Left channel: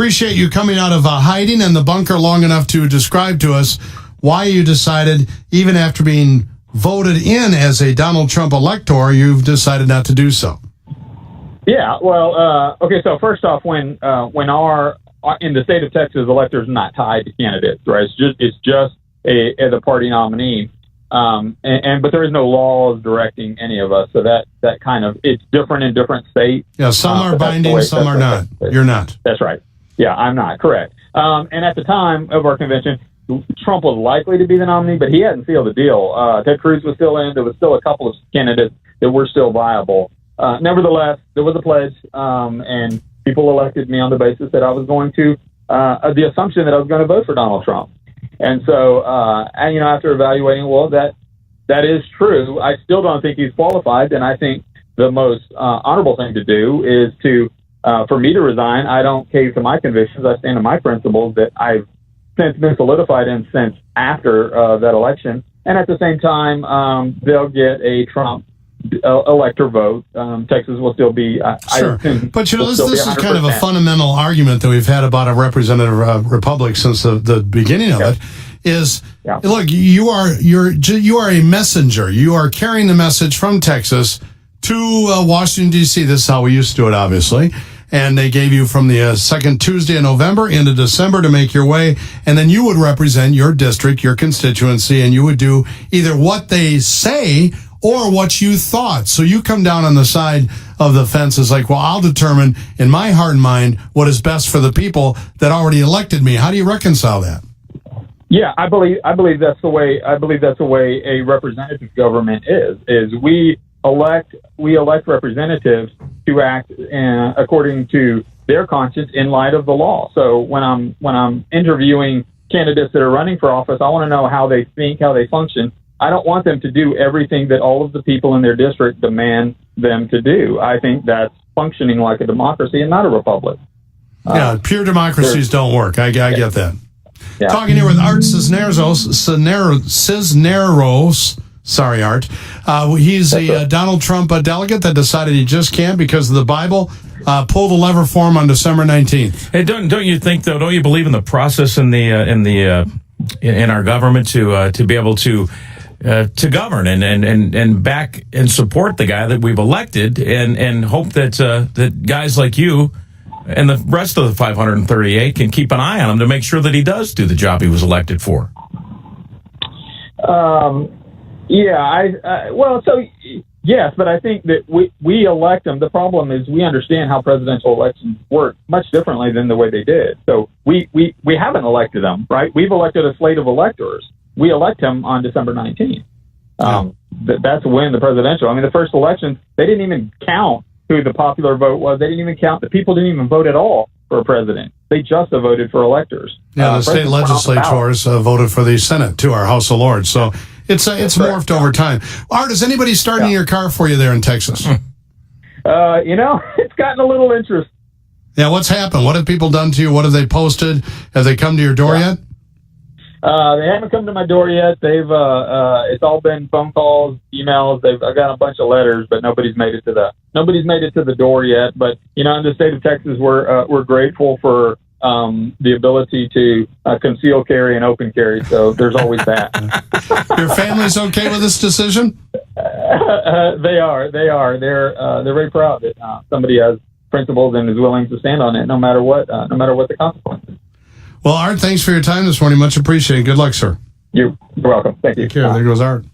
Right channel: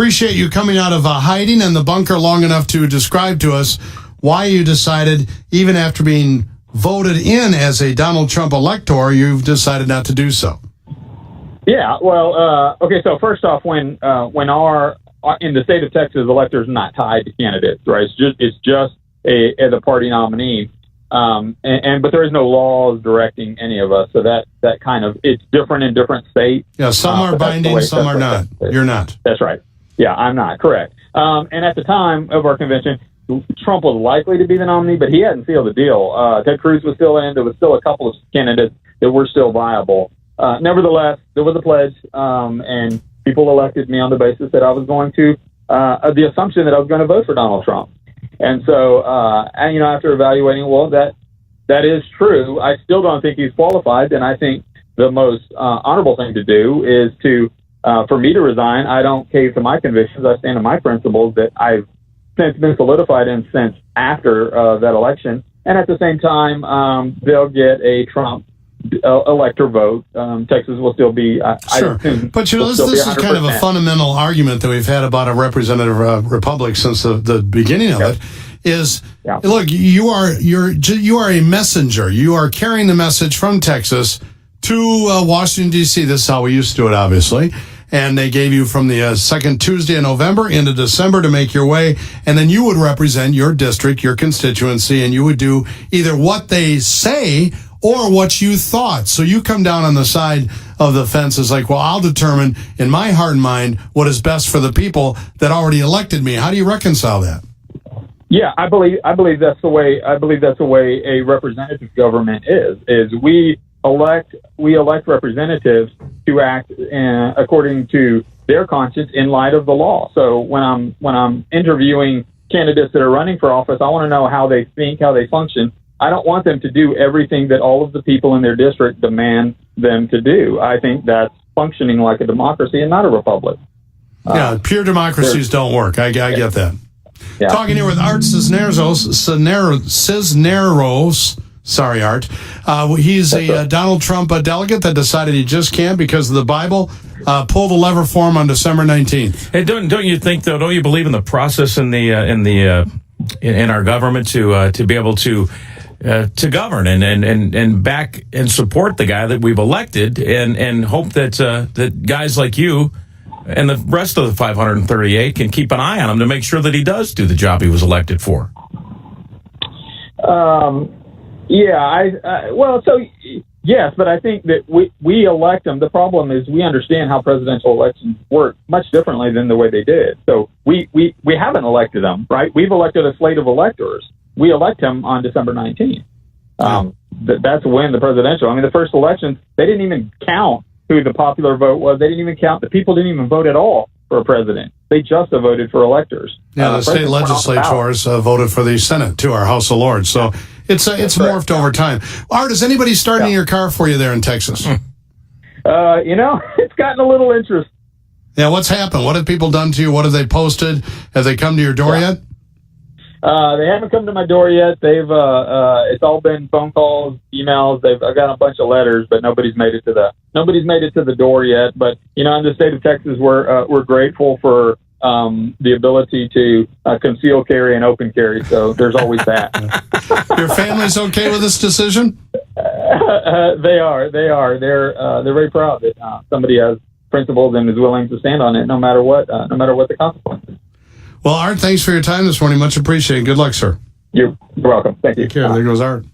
appreciate you coming out of hiding in the bunker long enough to describe to us why you decided, even after being voted in as a Donald Trump elector, you've decided not to do so. Yeah, well, okay. So first off, when our in the state of Texas, electors are not tied to candidates, right? It's just the party nominee, but there is no laws directing any of us. So that kind of, it's different in different states. Yeah, some are binding, some are not. You're not. That's right. Yeah, I'm not. Correct. And at the time of our convention, Trump was likely to be the nominee, but he hadn't sealed the deal. Ted Cruz was still in. There was still a couple of candidates that were still viable. Nevertheless, there was a pledge, and people elected me on the basis that I was going to, the assumption that I was going to vote for Donald Trump. And so, after evaluating, well, that is true. I still don't think he's qualified, and I think the most honorable thing to do is for me to resign. I don't cave to my convictions. I stand on my principles that I've since been solidified in since after that election. And at the same time, they'll get a Trump elector vote. Texas will still be sure. But this is kind of a fundamental argument that we've had about a representative republic since the beginning of it is, look, you are a messenger. You are carrying the message from Texas to Washington, D.C. This is how we used to do it, obviously. And they gave you from the second Tuesday in November into December to make your way. And then you would represent your district, your constituency, and you would do either what they say or what you thought. So you come down on the side of the fence as like, well, I'll determine in my heart and mind what is best for the people that already elected me. How do you reconcile that? Yeah, I believe that's the way a representative government is we elect representatives to act according to their conscience in light of the law. So when I'm interviewing candidates that are running for office, I want to know how they think, how they function. I don't want them to do everything that all of the people in their district demand them to do. I think that's functioning like a democracy and not a republic. Pure democracies don't work. I get that. Yeah. Talking here with Art Sisneros. Sorry, Art. He's a Donald Trump delegate that decided he just can't because of the Bible. Pull the lever for him on December 19th. Hey, don't you think, though? Don't you believe in the process in our government to be able to govern and back and support the guy that we've elected and hope that guys like you and the rest of the 538 can keep an eye on him to make sure that he does do the job he was elected for? Yes, but I think that we elect them. The problem is we understand how presidential elections work much differently than the way they did. So we haven't elected them, right? We've elected a slate of electors. We elect him on December 19th. That's when the presidential, the first election, they didn't even count who the popular vote was. They didn't even count. The people didn't even vote at all for a president. They just voted for electors. Yeah, the state legislators voted for the Senate, too, our House of Lords. So it's morphed over time. Art, is anybody starting your car for you there in Texas? It's gotten a little interest. Yeah, what's happened? What have people done to you? What have they posted? Have they come to your door yet? They haven't come to my door yet. They've it's all been phone calls, emails. I've got a bunch of letters, but nobody's made it to the door yet. But in the state of Texas, we're grateful for the ability to conceal carry and open carry. So there's always that. Your family's okay with this decision? They are. They're very proud that somebody has principles and is willing to stand on it, no matter what the consequences. Well, Art, thanks for your time this morning. Much appreciated. Good luck, sir. You're welcome. Thank you. Take care. There goes Art.